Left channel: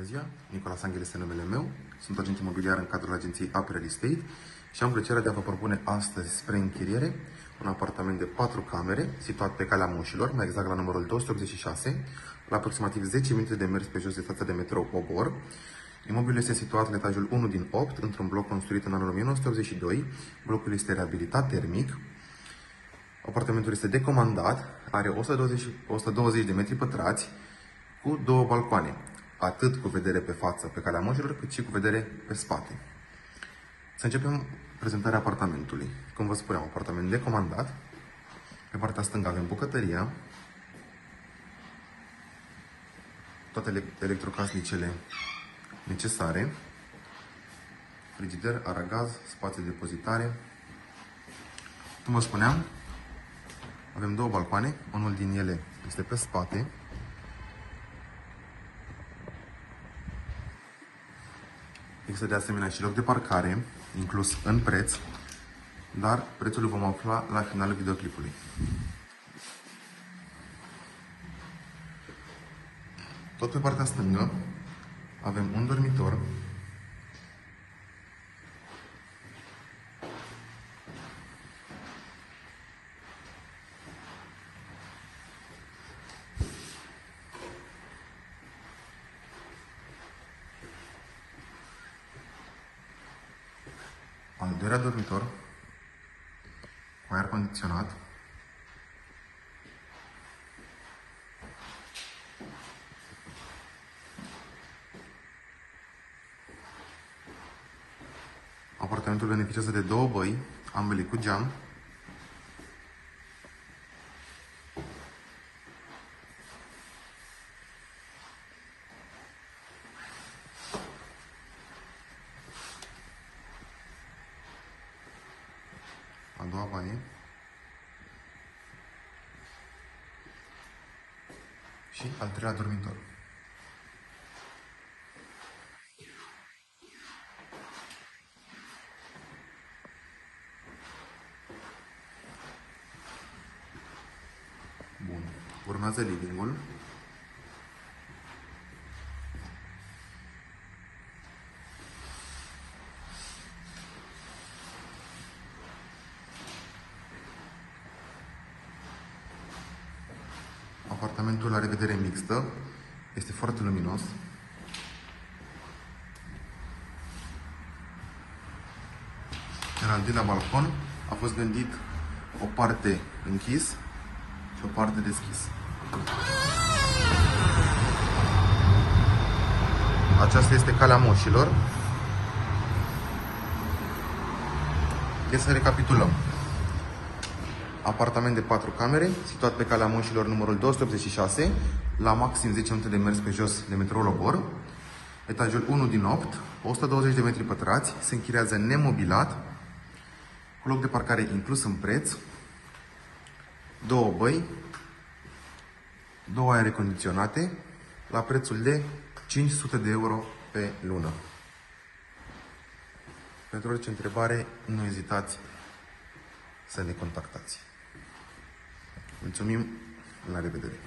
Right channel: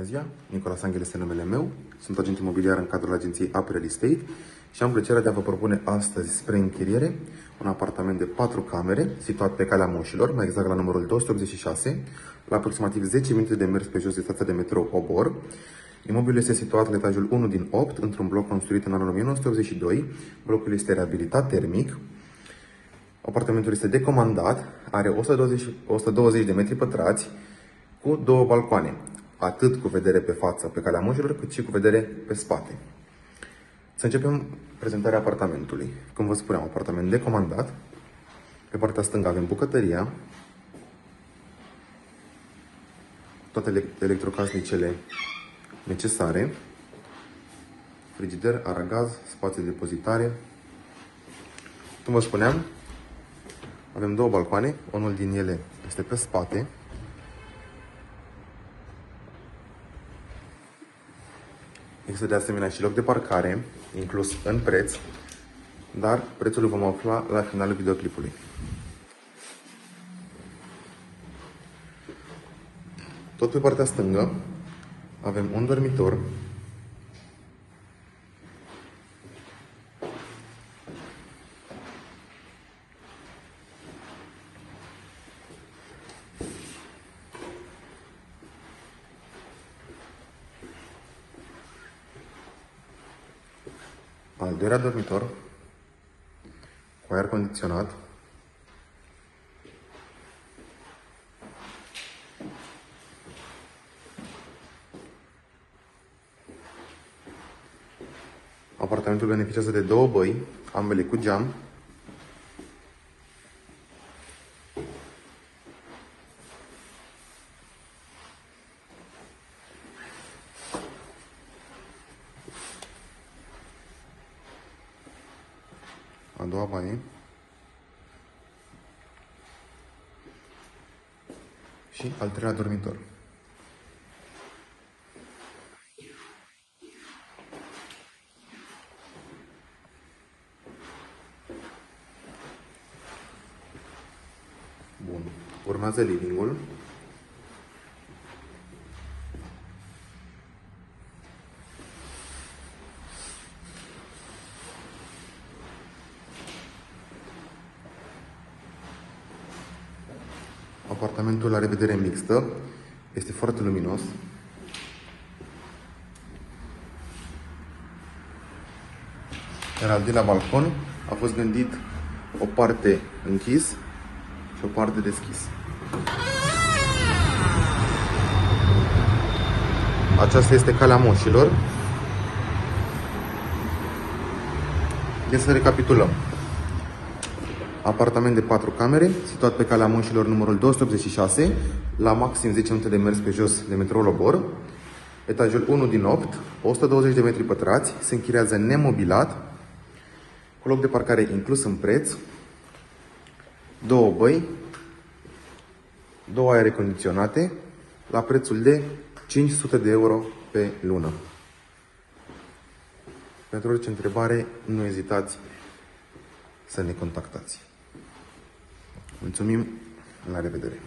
Bună ziua, Nicolas Angel este numele meu, sunt agent imobiliar în cadrul agenției AP Real Estate și am plăcerea de a vă propune astăzi spre închiriere un apartament de 4 camere situat pe Calea Moșilor, mai exact la numărul 286, la aproximativ 10 minute de mers pe jos de stația de metrou Obor. Imobilul este situat la etajul 1 din 8, într-un bloc construit în anul 1982. Blocul este reabilitat termic. Apartamentul este decomandat, are 120 de metri pătrați cu 2 balcoane, atât cu vedere pe fața pe Calea Moșilor, cât și cu vedere pe spate. Să începem prezentarea apartamentului. Cum vă spuneam, apartament decomandat. Pe partea stângă avem bucătăria, toate electrocasnicele necesare, frigider, aragaz, spațiu de depozitare. Cum vă spuneam, avem 2 balcoane, unul din ele este pe spate. Există de asemenea și loc de parcare, inclus în preț, dar prețul îl vom afla la finalul videoclipului. Tot pe partea stângă avem un dormitor, al doilea dormitor cu aer condiționat, apartamentul beneficiază de 2 băi, ambele cu geam. A doua baie și al treilea dormitor. Bun. Urmează living-ul. Apartamentul are vedere mixtă, este foarte luminos. Iar al doilea balcon a fost gândit o parte închis și o parte deschis. Aceasta este Calea Moșilor. Deci să recapitulăm. Apartament de 4 camere, situat pe Calea Moșilor numărul 286, la maxim 10 minute de mers pe jos de metroul Obor. Etajul 1 din 8, 120 de metri pătrați, se închiriază nemobilat, cu loc de parcare inclus în preț, 2 băi, 2 aere condiționate, la prețul de 500 de euro pe lună. Pentru orice întrebare, nu ezitați să ne contactați. Mulțumim, la revedere!